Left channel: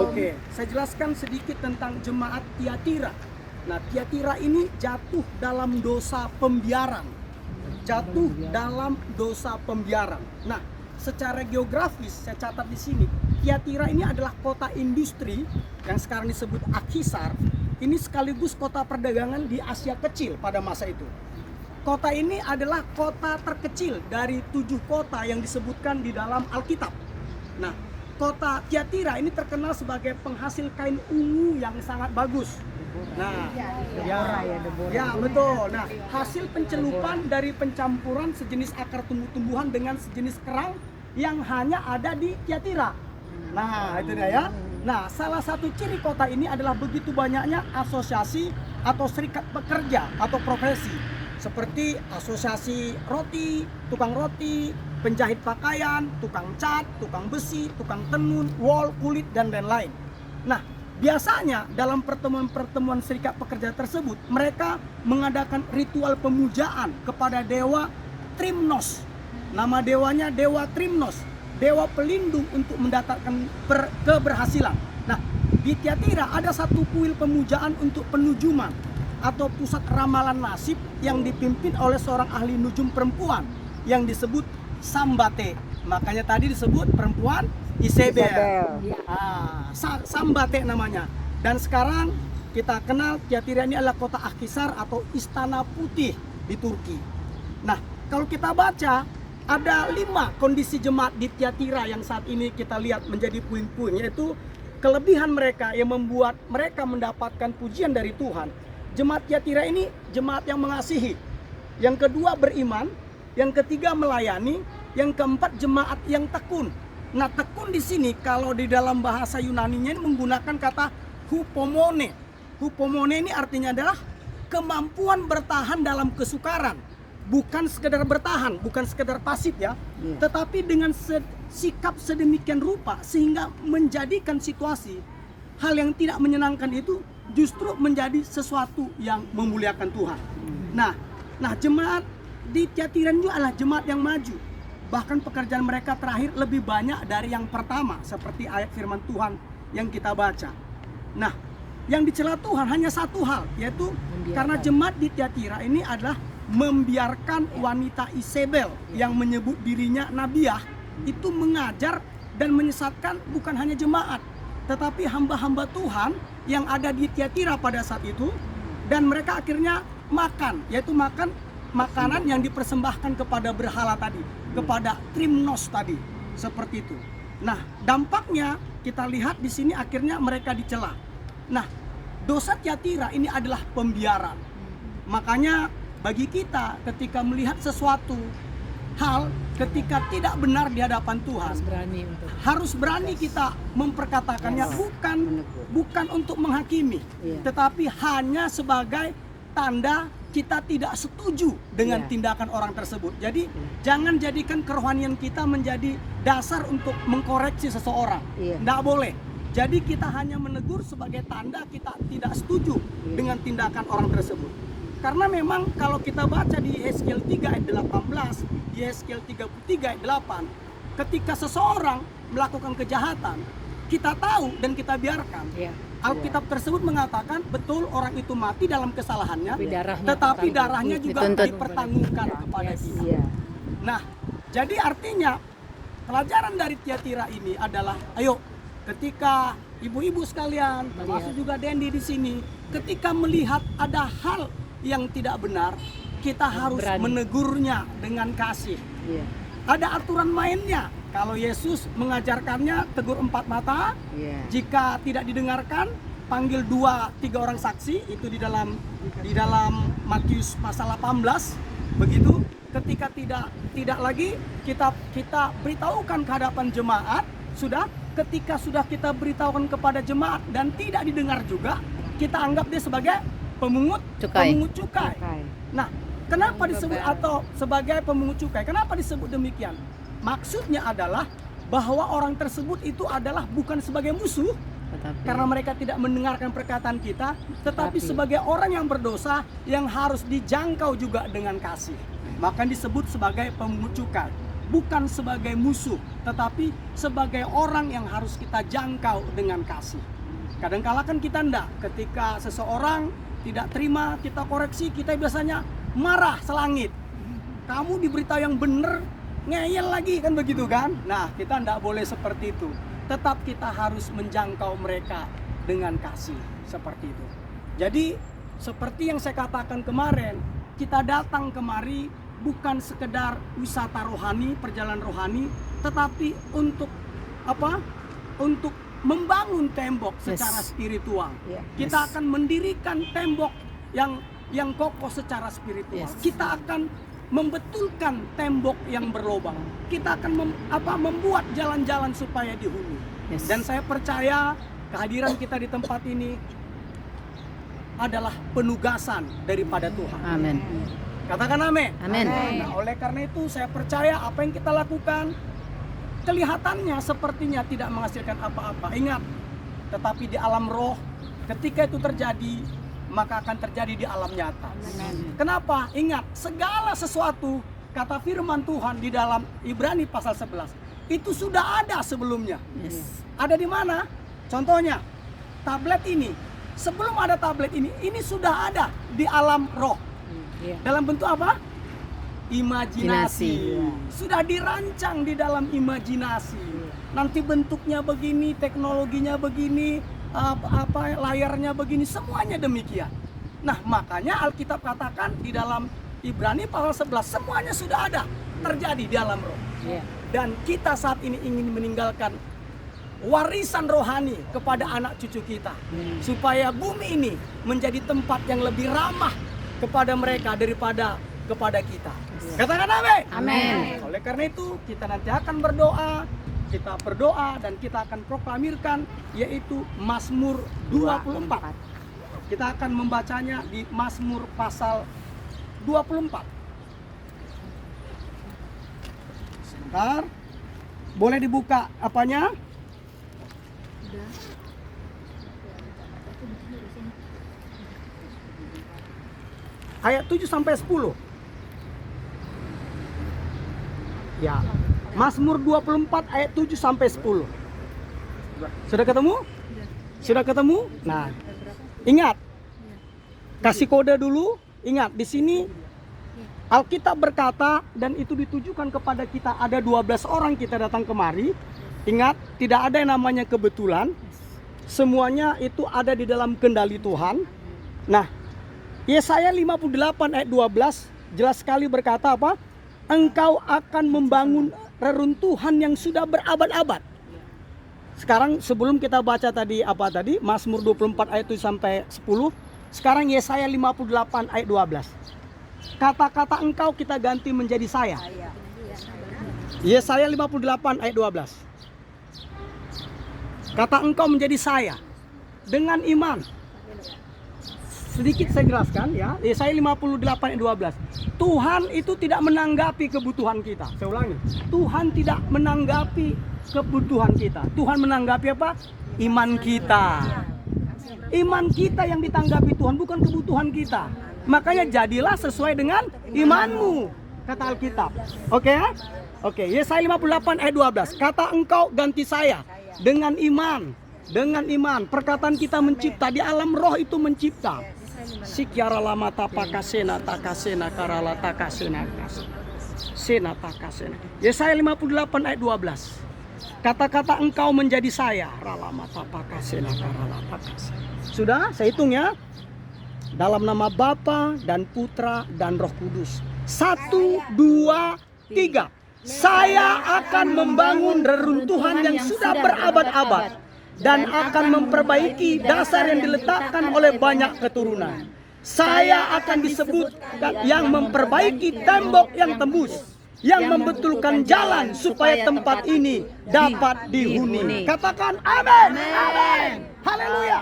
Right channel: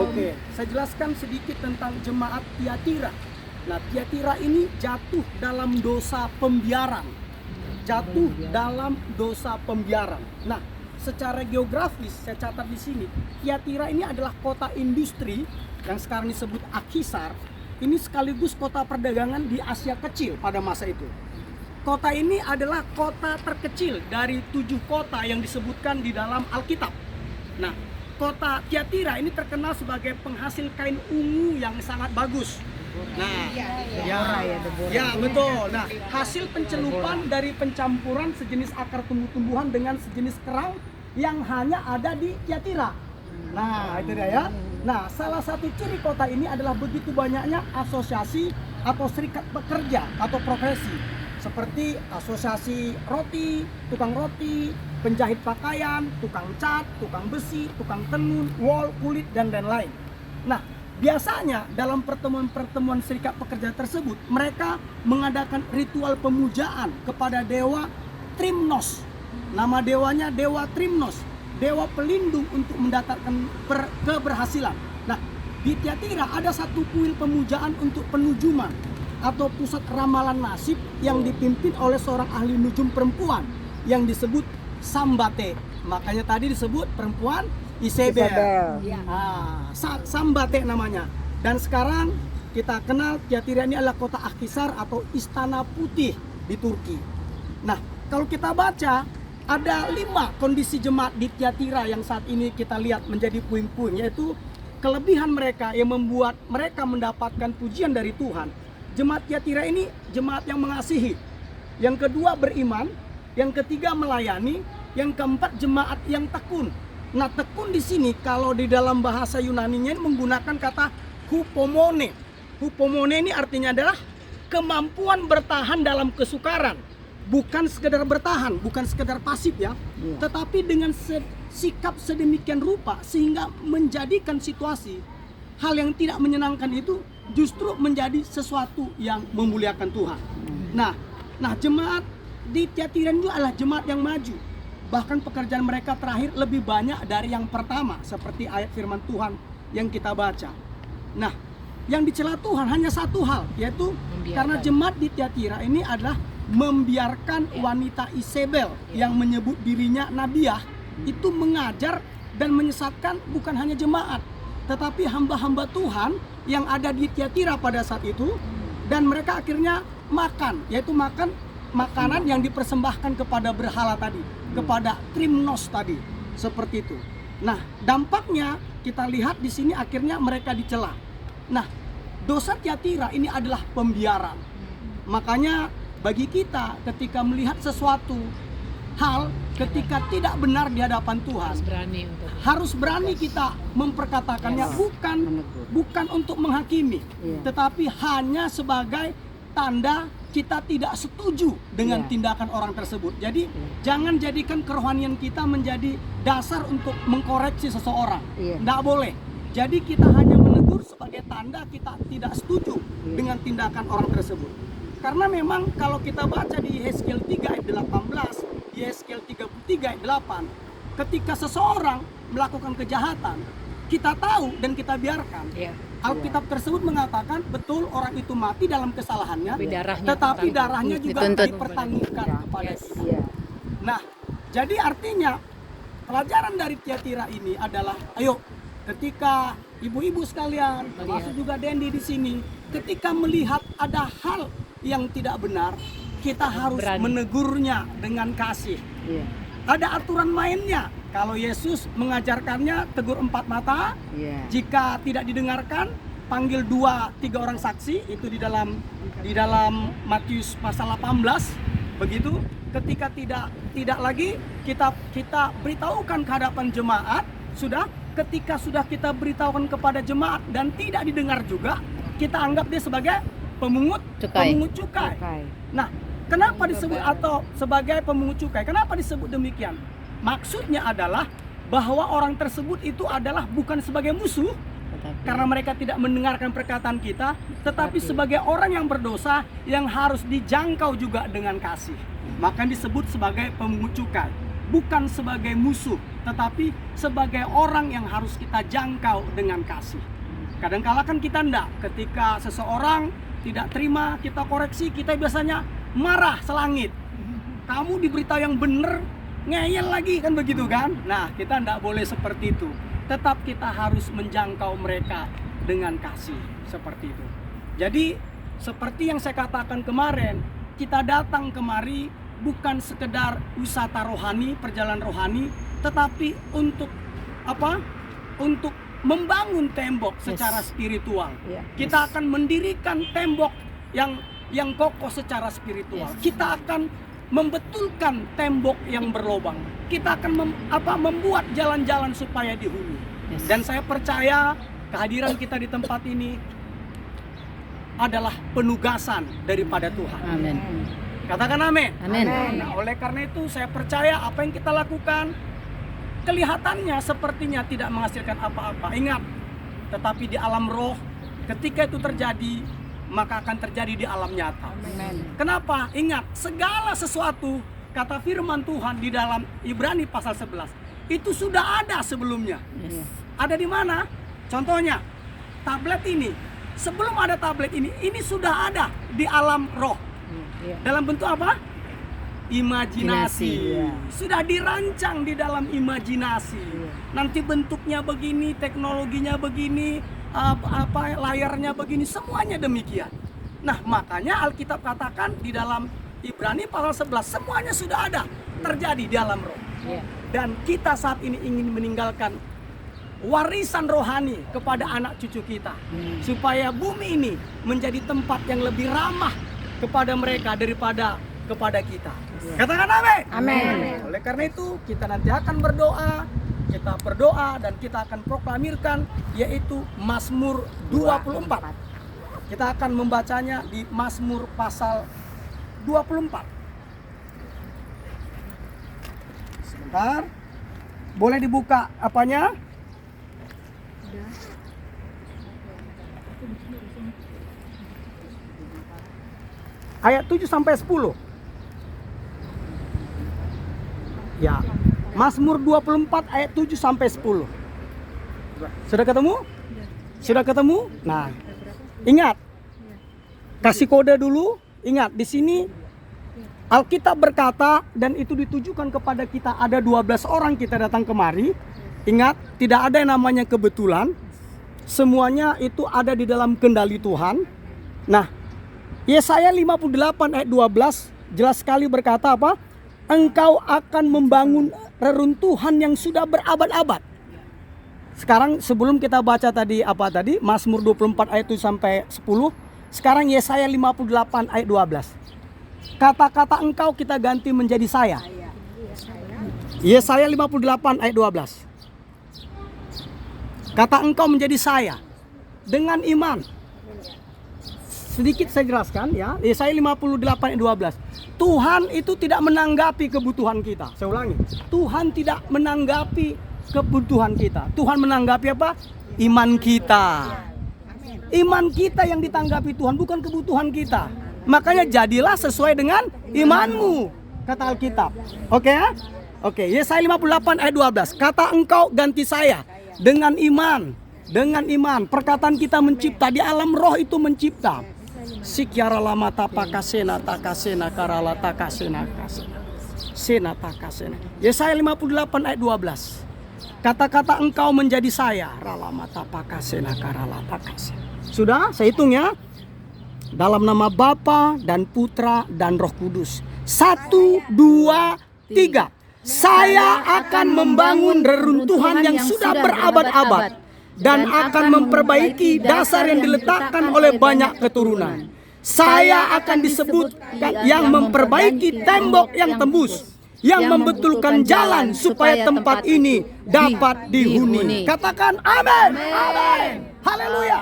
Oke, saya jelaskan sedikit tentang jemaat Tiatira. Nah, Tiatira ini jatuh dalam dosa pembiaran. Jatuh dalam dosa pembiaran. Nah, secara geografis saya catat di sini, Tiatira ini adalah kota industri yang sekarang disebut Akhisar. Ini sekaligus kota perdagangan di Asia Kecil pada masa itu. Kota ini adalah kota terkecil dari 7 kota yang disebutkan di dalam Alkitab. Nah, kota Tiatira ini terkenal sebagai penghasil kain ungu yang sangat bagus. Nah, ya betul. Nah, hasil pencelupan dari pencampuran sejenis akar tumbuh-tumbuhan dengan sejenis kerang yang hanya ada di Tiatira. Nah, itu dia ya. Nah, salah satu ciri kota ini adalah begitu banyaknya asosiasi atau serikat pekerja atau profesi, seperti asosiasi roti, tukang roti, penjahit pakaian, tukang cat, tukang besi, tukang tenun, wol, kulit, dan lain-lain. Nah, biasanya dalam pertemuan-pertemuan serikat pekerja tersebut, mereka mengadakan ritual pemujaan kepada dewa Trimnos. Nama dewanya Dewa Trimnos, dewa pelindung untuk mendatangkan keberhasilan. Nah, di Tiatira ada satu kuil pemujaan untuk penujuman atau pusat ramalan nasib yang dipimpin oleh seorang ahli nujum perempuan yang disebut Sambate. Makanya tadi disebut perempuan Isabel. Sambate namanya. Dan sekarang kita kenal Tiatira ini adalah kota Akhisar atau Istana Putih di Turki. Nah, kalau kita baca ada 5 kondisi jemaat di Tiatira yang saat ini kita lihat menjadi puing-puing, yaitu kelebihan mereka yang membuat mereka mendapatkan pujian dari Tuhan. Jemaat Tiatira ini jemaat yang mengasihi. Yang kedua beriman, yang ketiga melayani, yang keempat jemaat yang tekun. Nah, tekun di sini kalau di dalam bahasa Yunaninya menggunakan kata hupomone. Hupomone ini artinya adalah kemampuan bertahan dalam kesukaran. Bukan sekedar bertahan, bukan sekedar pasif ya, tetapi dengan sikap sedemikian rupa sehingga menjadikan situasi hal yang tidak menyenangkan itu justru menjadi sesuatu yang memuliakan Tuhan. Nah, jemaat di Tiatira itu adalah jemaat yang maju. Bahkan pekerjaan mereka terakhir lebih banyak dari yang pertama, seperti ayat firman Tuhan yang kita baca. Nah, yang dicela Tuhan hanya satu hal, yaitu karena jemaat di Tiatira ini adalah membiarkan wanita Isabel yang menyebut dirinya nabiah itu mengajar dan menyesatkan bukan hanya jemaat, tetapi hamba-hamba Tuhan yang ada di Tiatira pada saat itu. Dan mereka akhirnya makan, yaitu makan makanan yang dipersembahkan kepada berhala tadi, kepada Trimnos tadi, seperti itu. Nah, dampaknya kita lihat di sini akhirnya mereka dicela. Nah, dosa Tiatira ini adalah pembiaran. Makanya bagi kita ketika melihat sesuatu hal ketika tidak benar di hadapan Tuhan, harus berani kita memperkatakannya, bukan untuk menghakimi, tetapi hanya sebagai tanda kita tidak setuju dengan tindakan orang tersebut. Jadi jangan jadikan kerohanian kita menjadi dasar untuk mengkoreksi seseorang. Tidak boleh. Jadi kita hanya menegur sebagai tanda kita tidak setuju dengan tindakan orang tersebut. Karena memang kalau kita baca di Yeskiel 3 ayat 18, di Yeskiel 33 ayat 8, ketika seseorang melakukan kejahatan, kita tahu dan kita biarkan. Alkitab tersebut mengatakan betul orang itu mati dalam kesalahannya, tetapi darahnya juga dipertanggungjawabkan kepada kita. Nah, jadi artinya pelajaran dari Tiatira ini adalah, ayo ketika ibu-ibu sekalian, termasuk juga Dendi di sini, ketika melihat ada hal yang tidak benar, kita harus menegurnya dengan kasih. Ada aturan mainnya. Kalau Yesus mengajarkannya tegur 4 mata, jika tidak didengarkan panggil 2-3 orang saksi, itu di dalam Matius pasal 18. Begitu, ketika tidak lagi kita beritahukan ke hadapan jemaat, ketika sudah kita beritahukan kepada jemaat dan tidak didengar juga, kita anggap dia sebagai pemungut cukai. Nah, kenapa disebut atau sebagai pemungut cukai? Kenapa disebut demikian? Maksudnya adalah bahwa orang tersebut itu adalah bukan sebagai musuh, karena mereka tidak mendengarkan perkataan kita, tetapi sebagai orang yang berdosa yang harus dijangkau juga dengan kasih. Maka disebut sebagai pemungut cukai. bukan sebagai musuh, tetapi sebagai orang yang harus kita jangkau dengan kasih. Kadangkala kan kita enggak, ketika seseorang tidak terima kita koreksi, kita biasanya marah selangit. Kamu diberitahu yang benar, ngeyel lagi, kan begitu kan? Nah, kita enggak boleh seperti itu. Tetap kita harus menjangkau mereka dengan kasih, seperti itu. Jadi seperti yang saya katakan kemarin, kita datang kemari bukan sekedar wisata rohani, perjalanan rohani, tetapi untuk apa? Untuk membangun tembok secara spiritual. Kita akan mendirikan tembok yang kokoh secara spiritual. Kita akan membetulkan tembok yang berlobang. Kita akan membuat jalan-jalan supaya dihuni. Dan saya percaya kehadiran kita di tempat ini adalah penugasan daripada Tuhan. Amin. Katakan amin. Amin. Nah, oleh karena itu saya percaya apa yang kita lakukan kelihatannya sepertinya tidak menghasilkan apa-apa. Ingat, tetapi di alam roh ketika itu terjadi, maka akan terjadi di alam nyata. Amen. Kenapa? Ingat, segala sesuatu kata firman Tuhan di dalam Ibrani pasal 11 itu sudah ada sebelumnya. Ada di mana? Contohnya, tablet ini. Sebelum ada tablet ini sudah ada di alam roh. Dalam bentuk apa? Imajinasi. Sudah dirancang di dalam imajinasi. Nanti bentuknya begini, teknologinya begini, layarnya begini, semuanya demikian. Nah, makanya Alkitab katakan di dalam Ibrani pasal 11 semuanya sudah ada terjadi di alam roh. Dan kita saat ini ingin meninggalkan warisan rohani kepada anak cucu kita, supaya bumi ini menjadi tempat yang lebih ramah kepada mereka daripada kepada kita. Katakan amin. Amin. Oleh karena itu kita nanti akan berdoa, kita berdoa dan kita akan proklamirkan, yaitu Mazmur 24. Kita akan membacanya di Mazmur pasal 24. Sebentar. Boleh dibuka apanya? Ayat 7 sampai 10. Ya. Mazmur 24 ayat 7 sampai 10. Sudah ketemu? Sudah ketemu? Nah, ingat. Kasih kode dulu. Ingat, di sini Alkitab berkata, dan itu ditujukan kepada kita, ada 12 orang kita datang kemari. Ingat, tidak ada yang namanya kebetulan. Semuanya itu ada di dalam kendali Tuhan. Nah, Yesaya 58 ayat 12 jelas sekali berkata apa? Engkau akan membangun reruntuhan yang sudah berabad-abad. Sekarang sebelum kita baca tadi Mazmur 24 ayat 7 sampai 10. Sekarang Yesaya 58 ayat 12. Kata-kata engkau kita ganti menjadi saya. Yesaya 58 ayat 12. Kata engkau menjadi saya dengan iman. Sedikit saya jelaskan ya. Yesaya 58 ayat 12. Tuhan itu tidak menanggapi kebutuhan kita. Saya ulangi. Tuhan tidak menanggapi kebutuhan kita. Tuhan menanggapi apa? Iman kita. Iman kita yang ditanggapi Tuhan, bukan kebutuhan kita. Makanya jadilah sesuai dengan imanmu, kata Alkitab. Oke ya? Oke, Yesaya 58 ayat 12. Kata engkau ganti saya dengan iman. Dengan iman. Perkataan kita mencipta. Di alam roh itu mencipta. Sikyara lama tapakasena takasena karala takasena kasena. Sena takasena. Yesaya 58 ayat 12. Kata-kata engkau menjadi saya. Ralama tapakasena karala takasena. Sudah, saya hitung ya. Dalam nama Bapa dan Putra dan Roh Kudus. 1, 2, 3. Saya akan membangun reruntuhan yang sudah berabad-abad dan akan memperbaiki dasar yang diletakkan oleh banyak keturunan. Saya akan disebut yang memperbaiki tembok yang tembus, yang membetulkan jalan supaya tempat ini dapat dihuni. Katakan amin. Amin. Haleluya.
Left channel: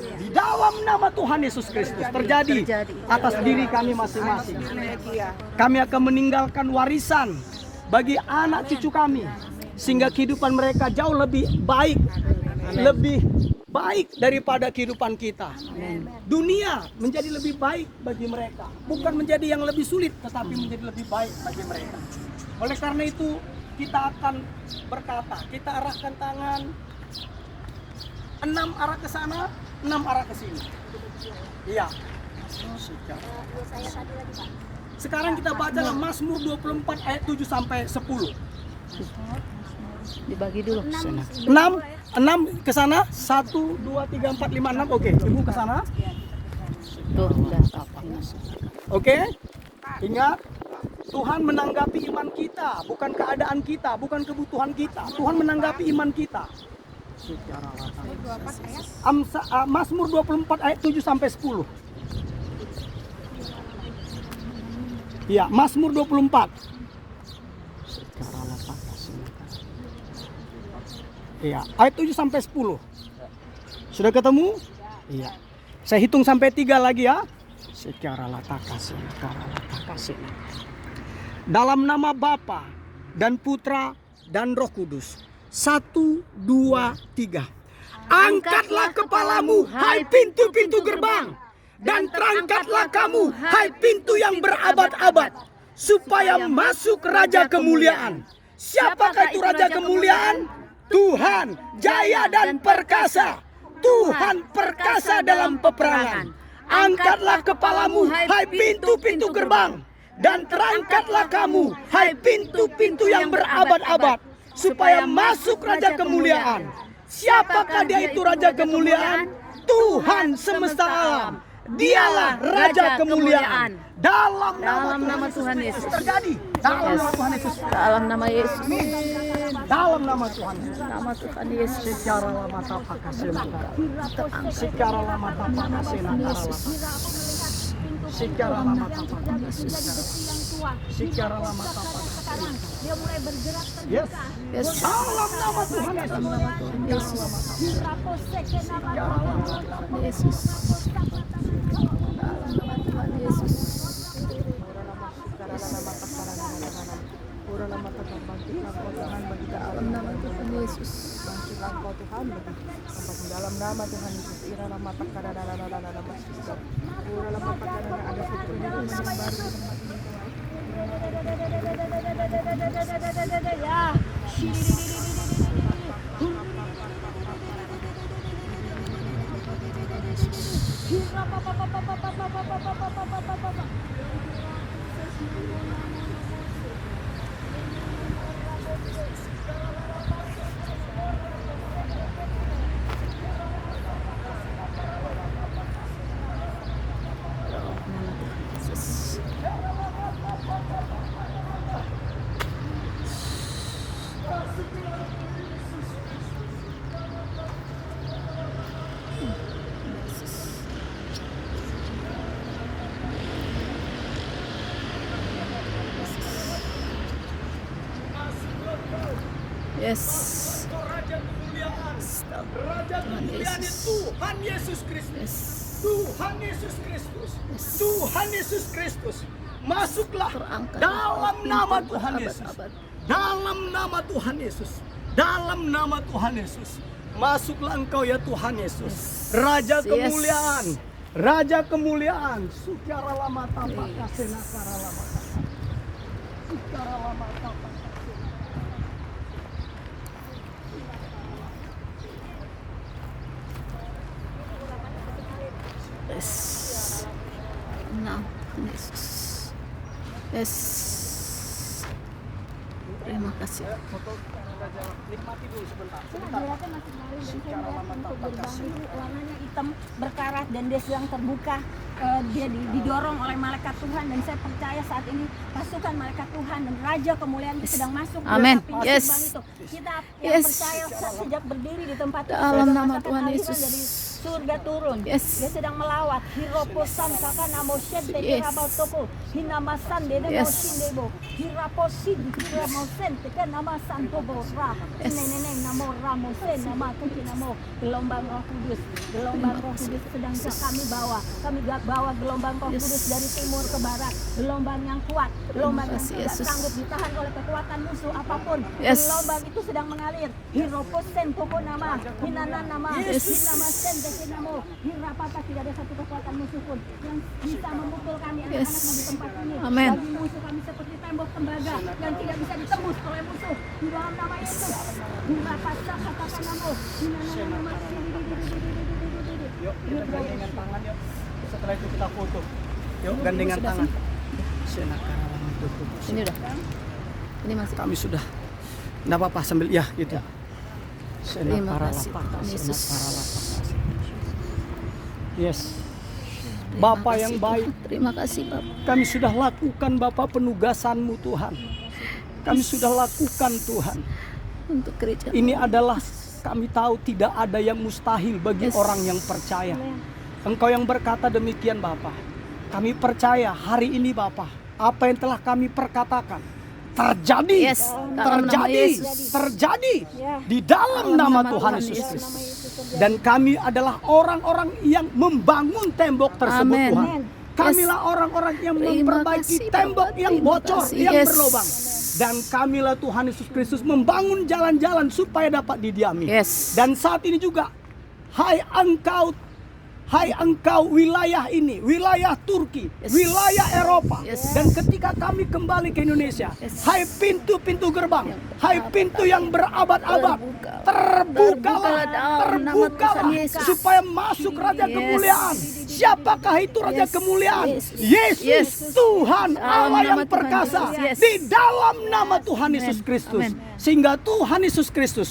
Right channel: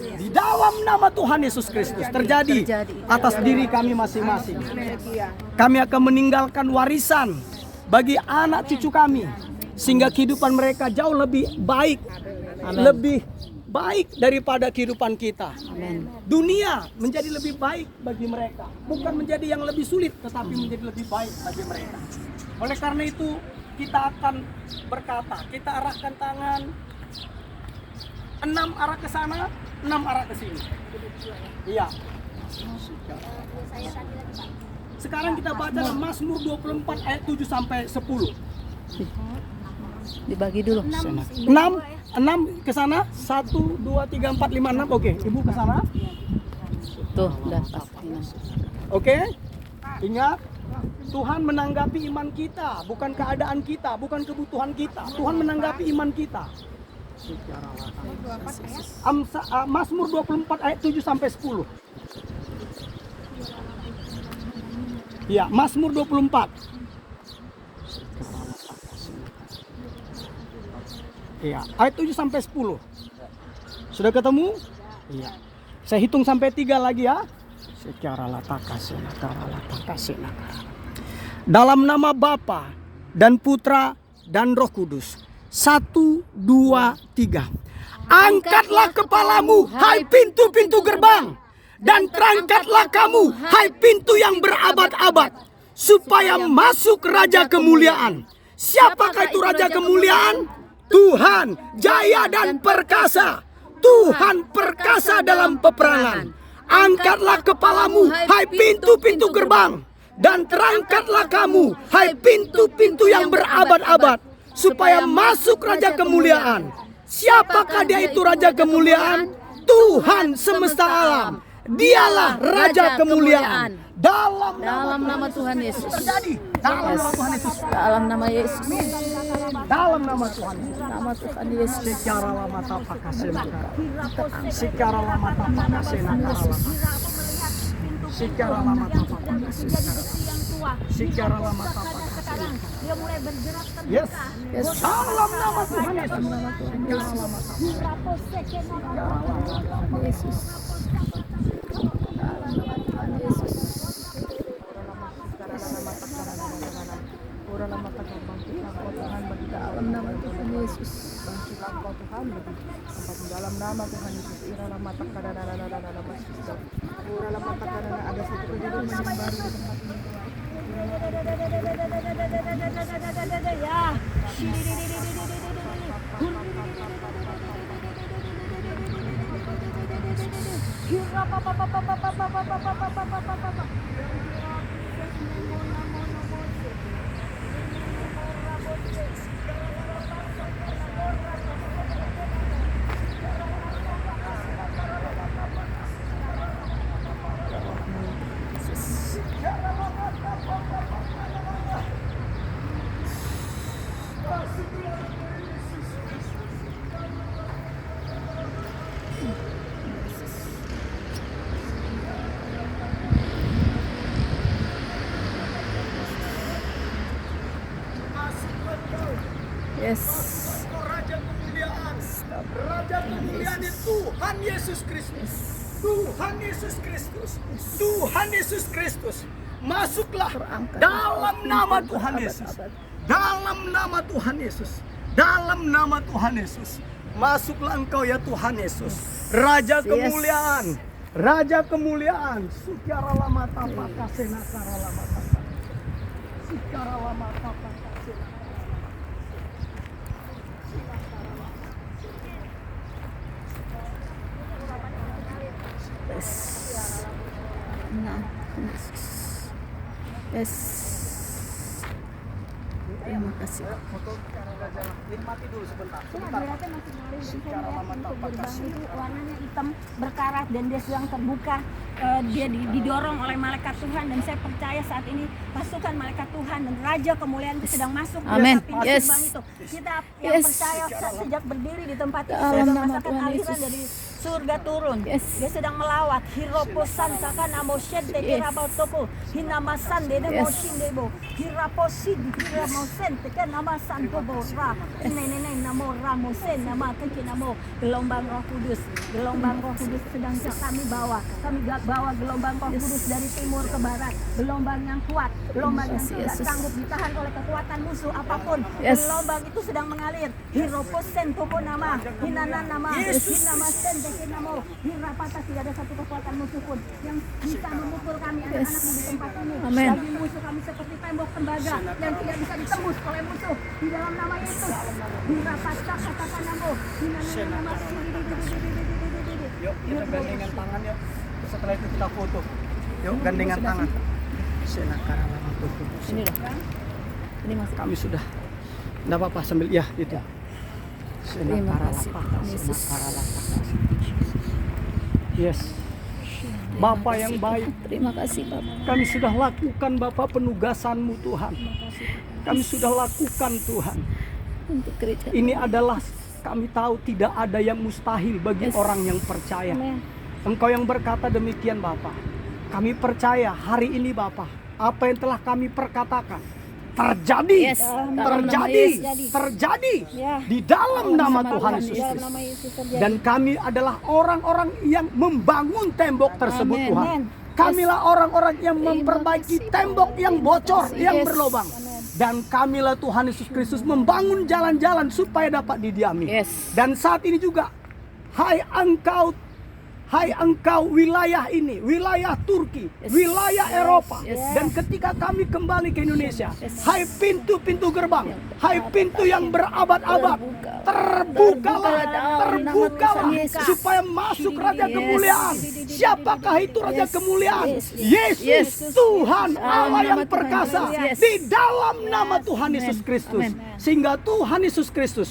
Di dalam nama Tuhan Yesus Kristus terjadi atas diri kami masing-masing. Kami akan meninggalkan warisan bagi anak cucu kami, sehingga kehidupan mereka jauh lebih baik. Amen. Lebih baik daripada kehidupan kita. Amen. Dunia menjadi lebih baik bagi mereka, bukan menjadi yang lebih sulit, tetapi menjadi lebih baik bagi mereka. Oleh karena itu kita akan berkata, kita arahkan tangan 6 arah ke sana, 6 arah ke sini. Iya. Saya tadi lagi Pak. Sekarang kita baca Mazmur 24 ayat 7 sampai 10. Dibagi dulu sana. 6 ke sana. 1 2 3 4 5 6. Oke, Ibu ke sana. Tuh, udah pas. Oke. Ingat, Tuhan menanggapi iman kita, bukan keadaan kita, bukan kebutuhan kita. Tuhan menanggapi iman kita. Mazmur 24 ayat 7 sampai 10. Ya, Mazmur 24. Iya, ayat 7 sampai 10. Sudah ketemu? Iya. Saya hitung sampai 3 lagi ya. Secara latakasih. Dalam nama Bapa dan Putra dan Roh Kudus. 1, 2, 3. Angkatlah kepalamu, hai pintu-pintu gerbang, dan terangkatlah kamu, hai pintu yang berabad-abad, supaya masuk Raja Kemuliaan. Siapakah itu Raja Kemuliaan? Tuhan jaya dan perkasa. Tuhan perkasa dalam peperangan. Angkatlah kepalamu, hai pintu-pintu gerbang, dan terangkatlah kamu, hai pintu-pintu yang berabad-abad, supaya masuk Raja Kemuliaan. Siapakah dia itu Raja Kemuliaan? Tuhan semesta alam. Dialah Raja Kemuliaan. Dalam nama Tuhan Yesus. Terjadi. Dalam nama Tuhan Yesus. Dalam nama Yesus. Dalam nama Tuhan Yesus. Nama Tuhan Yesus. Secara lama tapak kasih. Secara lama tapak kasih. Secara lama tapak kasih. Secara lama tapak kasih. Yes. Yes. Dalam nama Tuhan Yesus. Dalam nama Tuhan Yesus. Yesus. Dalam nama Tuhan Yesus. Dalam nama Tuhan Yesus. Dalam nama Tuhan Yesus. Yes. Raja Kemuliaan. Raja Kemuliaan itu Tuhan Yesus Kristus. Tuhan Yesus Kristus. Tuhan Yesus Kristus. Masuklah dalam nama Tuhan Yesus. Dalam nama Tuhan Yesus. Dalam nama Tuhan Yesus. Masuklah engkau ya Tuhan Yesus. Raja Kemuliaan. Raja Kemuliaan. Secara lama tapak kasih nakara lama tapak. Secara lama tapak kasih. Yes. Nah, Yesus. Yes. Terima kasih. Nikmati dulu sebentar. Beratnya masih ngalir. Secara lama tapak kasih. Warnanya hitam berkarat dan dia sedang terbuka. Dia didorong oleh malaikat Tuhan dan saya percaya saat ini pasukan malaikat Tuhan dan Raja Kemuliaan itu sedang masuk. Amin. Yes. Kita yang percaya sejak berdiri di tempat ini Dalam sudah nama merasakan Tuhan aliran Yesus. dari surga turun. Yes. Dia sedang melawat. Hiroposan kakana mosen Yes. toko hinamasan dede Yes. mosin debo hiraposin hiramosen teka namasan kobora nene namo ramosen nama kecil namo gelombang Roh Kudus. Gelombang Roh Kudus sedang kami bawa. Kami bawa gelombang Roh Kudus dari timur ke barat. Gelombang yang kuat, gelombang yang tidak sanggup ditahan oleh kekuatan musuh apapun. Yes. Gelombang itu sedang mengalir. Hiroposen toko nama hinanan nama hinamasen Namo, Hirapata, tidak ada satu kekuatan musuh pun yang bisa memukul kami anak-anakmu di tempat ini. Amin. Bagi musuh kami seperti tembok tembaga yang tidak bisa ditembus oleh musuh di dalam nama Yesus. Hirapata, katakan Namo, nama Yuk, kita gandengan tangan yuk. Setelah itu kita foto. Yuk, gandengan tangan. Ini udah. Ini masih. Kami sudah. Nggak apa-apa sambil ya gitu. Terima kasih Tuhan Yesus. Yes. Terima Bapak kasih, yang Tuhan. baik, Terima kasih Bapak. kami sudah lakukan Bapak penugasan-Mu Tuhan. Kami sudah lakukan Tuhan. Untuk gereja. Ini adalah kami tahu tidak ada yang mustahil bagi Yes. orang yang percaya. Engkau yang berkata demikian Bapak. Kami percaya hari ini Bapak, apa yang telah kami perkatakan terjadi, Yes, dalam nama terjadi, Yesus. terjadi Ya. di dalam Dalam nama nama Tuhan Tuhan Yesus Yesus. Kristus. Nama Yesus terjadi. Dan kami adalah orang-orang yang membangun tembok tersebut Amin. Tuhan. Amin. Kamilah orang-orang yang Terima memperbaiki kasih, tembok Bapak. yang Terima bocor, kasih. yang Yes. berlobang. Dan kamilah Tuhan Yesus Kristus membangun jalan-jalan supaya dapat didiami. Yes. Dan saat ini juga, hai engkau wilayah ini, wilayah Turki, Yes. wilayah Eropa. Yes. Dan ketika kami kembali ke Indonesia, Yes. hai pintu-pintu gerbang, hai pintu yang berabad-abad, Terbukalah terbukalah dalam nama Tuhan Yesus. supaya masuk Raja Yes. Kemuliaan. Siapakah itu Raja Yes. Kemuliaan? Yes. Yesus, Yes. Tuhan Dalam Allah nama yang Tuhan perkasa. Yesus. Yes. Di dalam nama Tuhan Yesus Amen. Kristus. Amen. Sehingga Tuhan Yesus Kristus,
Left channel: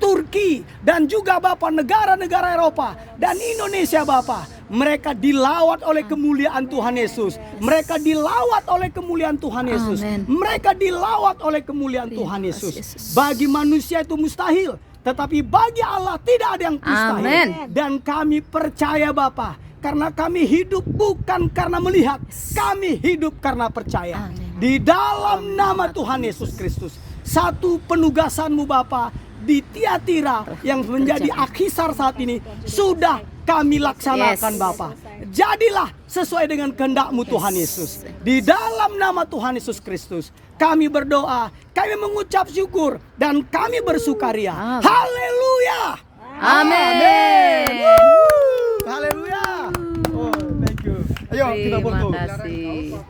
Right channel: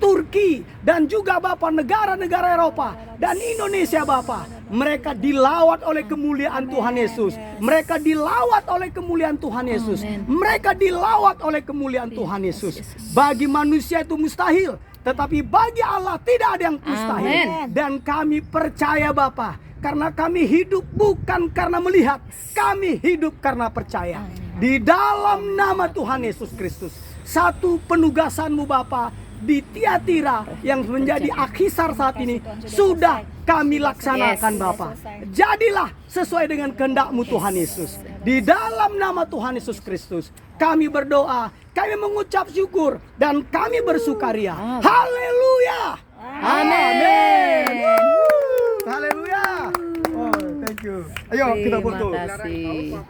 Turki dan juga Bapak negara-negara Eropa dan Indonesia Bapak, mereka dilawat oleh kemuliaan Tuhan Yesus. Mereka dilawat oleh kemuliaan Tuhan Yesus. Amen. Mereka dilawat oleh kemuliaan Tuhan Yesus. Bagi manusia itu mustahil, tetapi bagi Allah tidak ada yang mustahil. Amen. Dan kami percaya Bapak, karena kami hidup bukan karena melihat, kami hidup karena percaya. Amin. Di dalam nama Tuhan Yesus Kristus, satu penugasan-Mu Bapa di Tiatira yang menjadi Akhisar saat ini sudah kami laksanakan Yes. Bapa. Jadilah sesuai dengan kehendak-Mu Tuhan Yesus. Di dalam nama Tuhan Yesus Kristus kami berdoa, kami mengucap syukur dan kami bersukaria. Amin. Haleluya. Amin. Haleluya. Oh, thank you. Ayo kita Terima foto. kasih.